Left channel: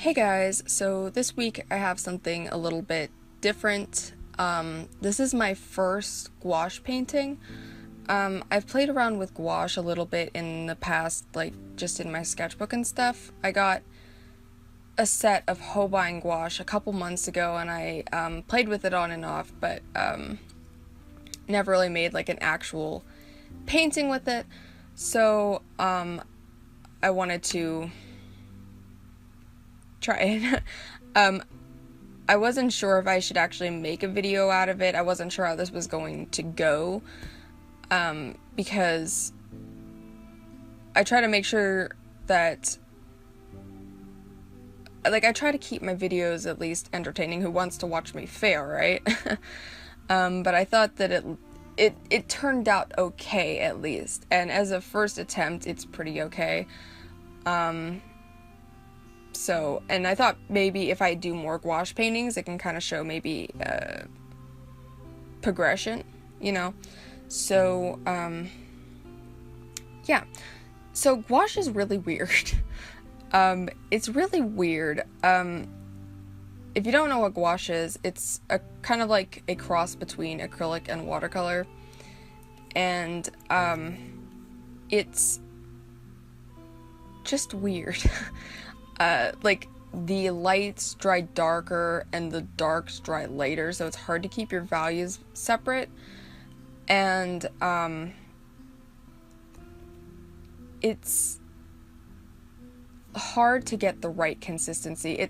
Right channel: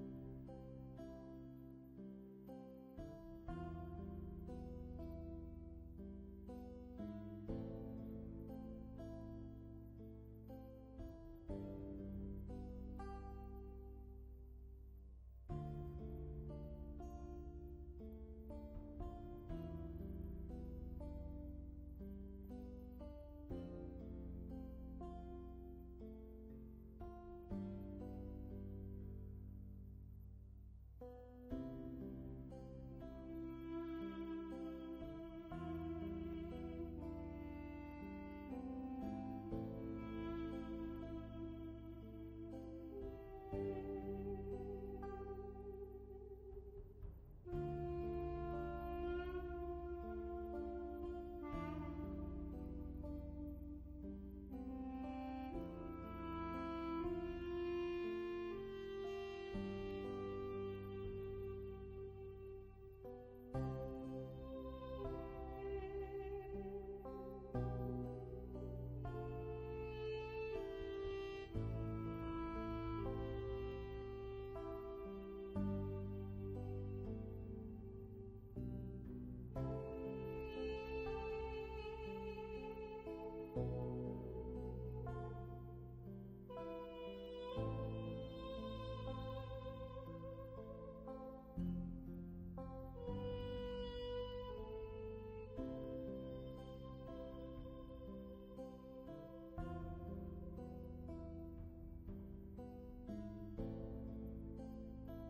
Hey guys, so this week I have something a little bit different. This is my first gouache painting. I've played around with gouache a little bit in the past, like just in my sketchbook and stuff. I got a set of Holbien Gouache a couple months ago and I played with it on and off, but never really made like an actual painting with it. So I wanted to try it. I wasn't sure if I should actually make a video out of it. I wasn't sure how this was going to go, because I try to make sure that, like, I try to keep my videos at least entertaining. Who wants to watch me fail, right? But I thought that it turned out okay, at least, and as a first attempt, it's pretty okay. So, and I thought maybe if I do more gouache paintings, it can kind of show maybe progression, you know? So, yeah. So gouache is really weird. It's really weird. If you don't know what gouache is, it's a kind of like a cross between acrylic and watercolor. And, it's just weird. Like, the lights dry darker and the darks dry later, so it's hard to keep your values separate. And, it's hard to get the right consistency.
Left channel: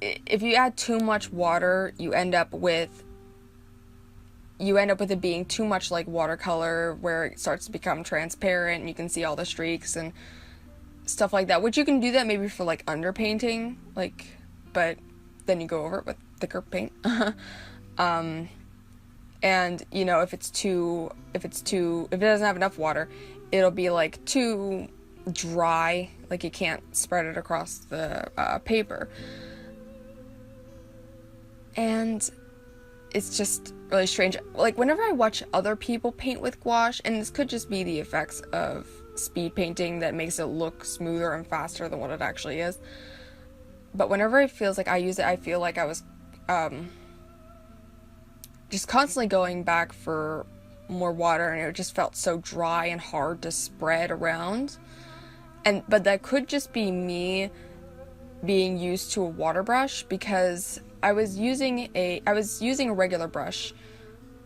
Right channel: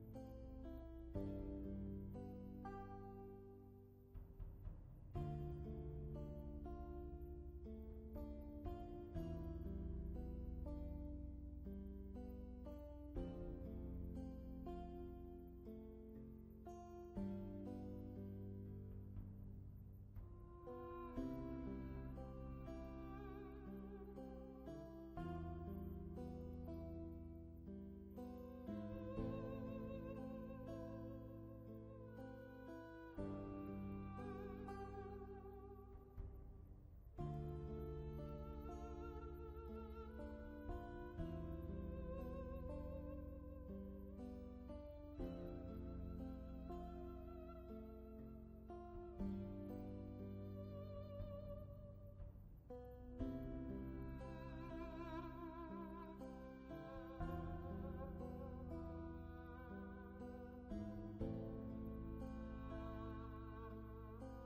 If you add too much water, you end up with it being too much like watercolor, where it starts to become transparent and you can see all the streaks and stuff like that, which you can do that maybe for like underpainting, like, but then you go over it with thicker paint. And you know, if it doesn't have enough water, it'll be like too dry, like you can't spread it across the paper, and it's just really strange. Like, whenever I watch other people paint with gouache, and this could just be the effects of speed painting that makes it look smoother and faster than what it actually is, but whenever it feels like I use it, I feel like I was just constantly going back for more water, and it just felt so dry and hard to spread around. But that could just be me being used to a water brush, because I was using a regular brush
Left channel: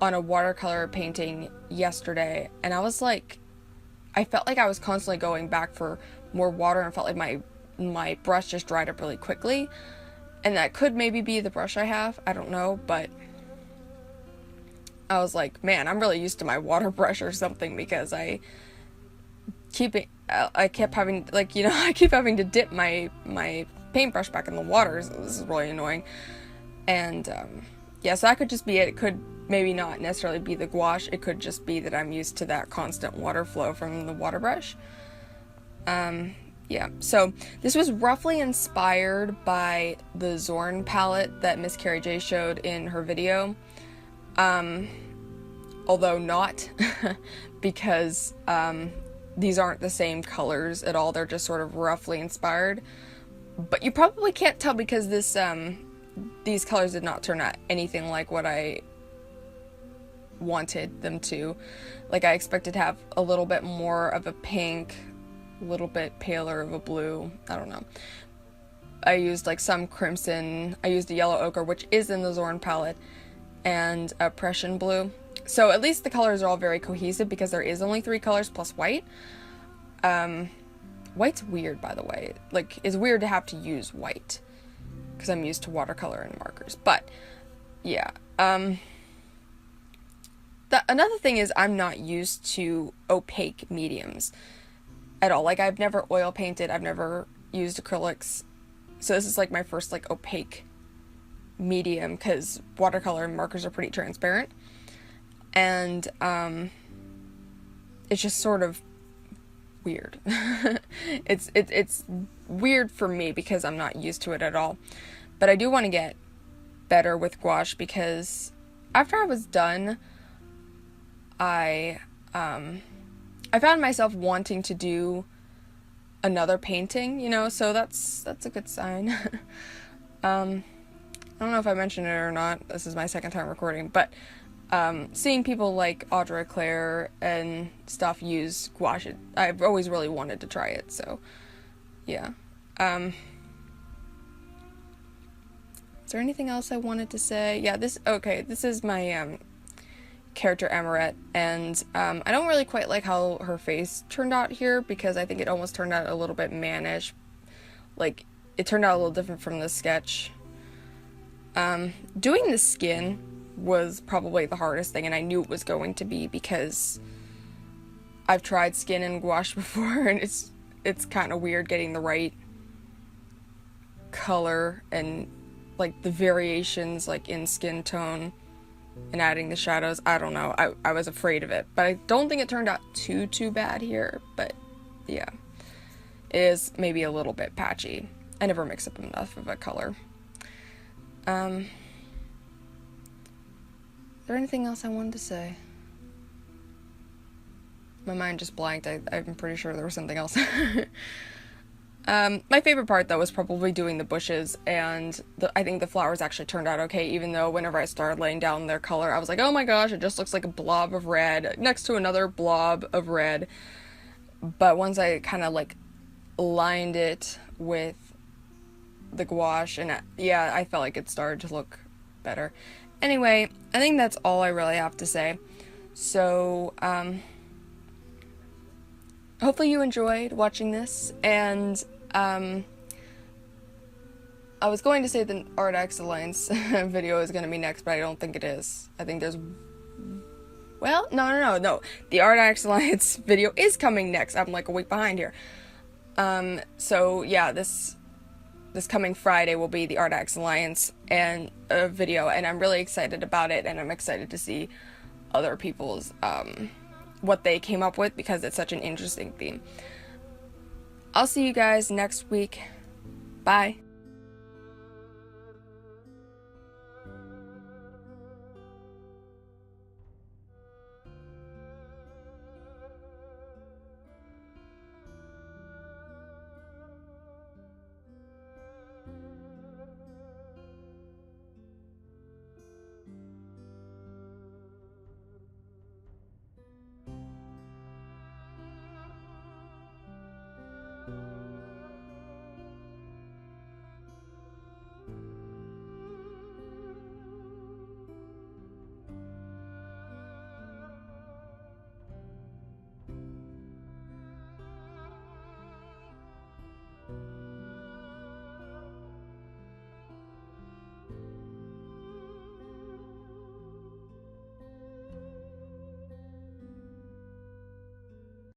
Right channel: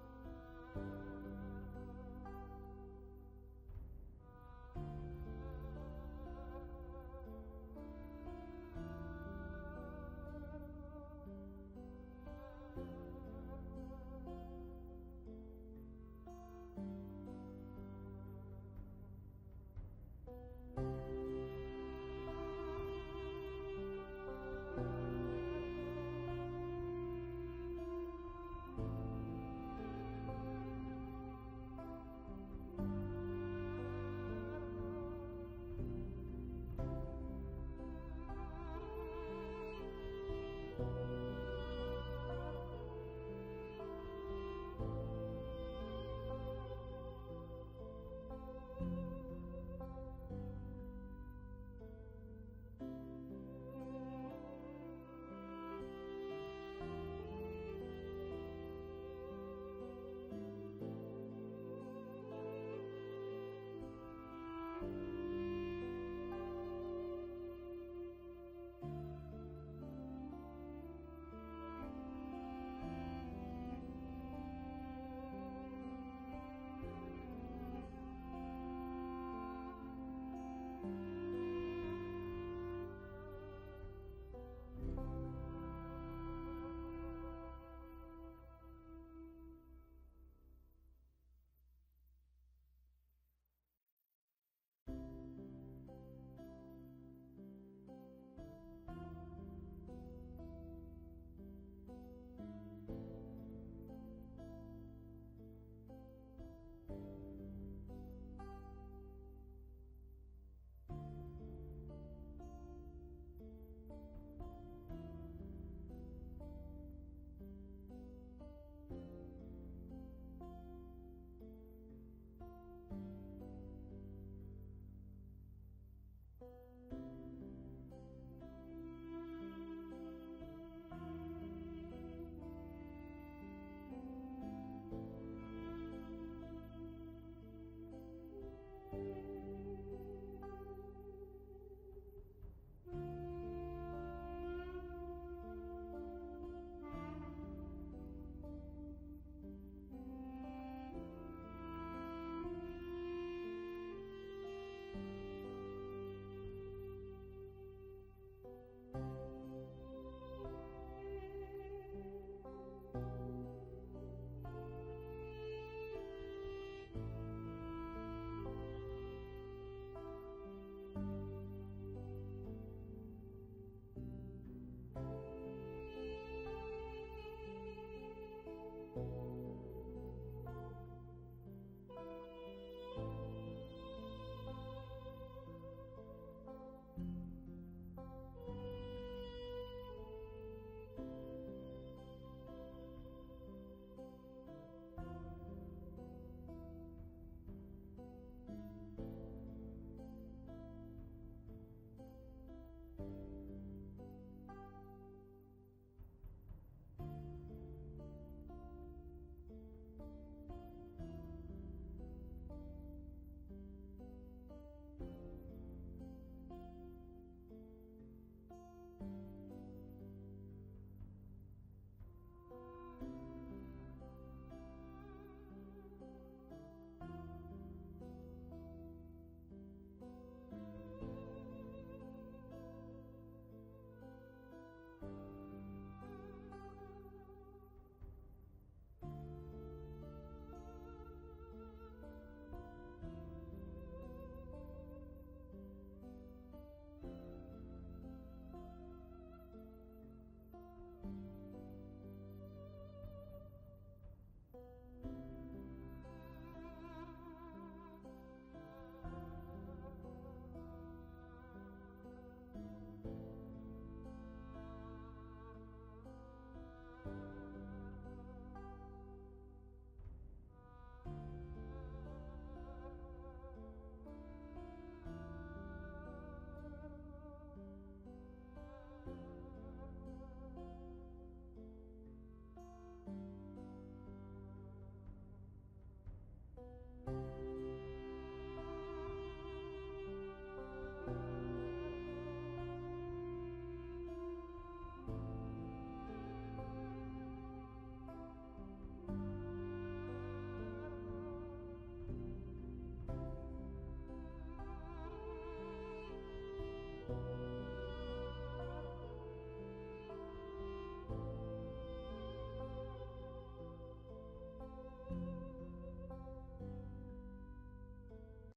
on a watercolor painting yesterday, and I felt like I was constantly going back for more water, and felt like my brush just dried up really quickly. And that could maybe be the brush I have, I don't know, but I was like, man, I'm really used to my water brush or something, because I kept having, like, you know, I keep having to dip my paintbrush back in the water, so this is really annoying. And yeah, so that could just be it. It could maybe not necessarily be the gouache, it could just be that I'm used to that constant water flow from the water brush. Yeah, so this was roughly inspired by the Zorn palette that Miss Carrie J showed in her video. Although not, because these aren't the same colors at all, they're just sort of roughly inspired. But you probably can't tell, because these colors did not turn out anything like what I wanted them to. Like, I expected to have a little bit more of a pink, a little bit paler of a blue, I don't know. I used like some crimson, I used a yellow ochre, which is in the Zorn palette, and a Prussian blue. So at least the colors are all very cohesive, because there is only 3 colors plus white. White's weird, by the way. Like, it's weird to have to use white, because I'm used to watercolor and markers. But yeah, another thing is, I'm not used to opaque mediums at all. Like, I've never oil painted, I've never used acrylics, so this is like my first like opaque medium, because watercolor and markers are pretty transparent. And it's just sort of weird. It's weird for me, because I'm not used to it at all. But I do want to get better with gouache, because after I was done, I found myself wanting to do another painting, you know, so that's a good sign. I don't know if I mentioned it or not. This is my second time recording, but seeing people like Audrey Claire and stuff use gouache, I've always really wanted to try it, so yeah. Is there anything else I wanted to say? Yeah, this is my character Amoret, and I don't really quite like how her face turned out here, because I think it almost turned out a little bit mannish. Like, it turned out a little different from the sketch. Doing the skin was probably the hardest thing, and I knew it was going to be, because I've tried skin and gouache before, and it's kind of weird getting the right color and like the variations like in skin tone and adding the shadows. I don't know, I was afraid of it, but I don't think it turned out too bad here. But yeah, it is maybe a little bit patchy. I never mix up enough of a color. Is there anything else I wanted to say? My mind just blanked. I'm pretty sure there was something else. My favorite part, though, was probably doing the bushes, and I think the flowers actually turned out okay, even though whenever I started laying down their color, I was like, oh my gosh, it just looks like a blob of red next to another blob of red. But once I kind of like lined it with the gouache, and yeah, I felt like it started to look better. Anyway, I think that's all I really have to say. So, hopefully you enjoyed watching this, and I was going to say the Art Excellence video is going to be next, but I don't think it is. I think there's... Well, no. The Art Excellence video is coming next. I'm like a week behind here. So yeah, this coming Friday will be the Art Excellence and a video, and I'm really excited about it, and I'm excited to see other people's what they came up with, because it's such an interesting theme. I'll see you guys next week. Bye.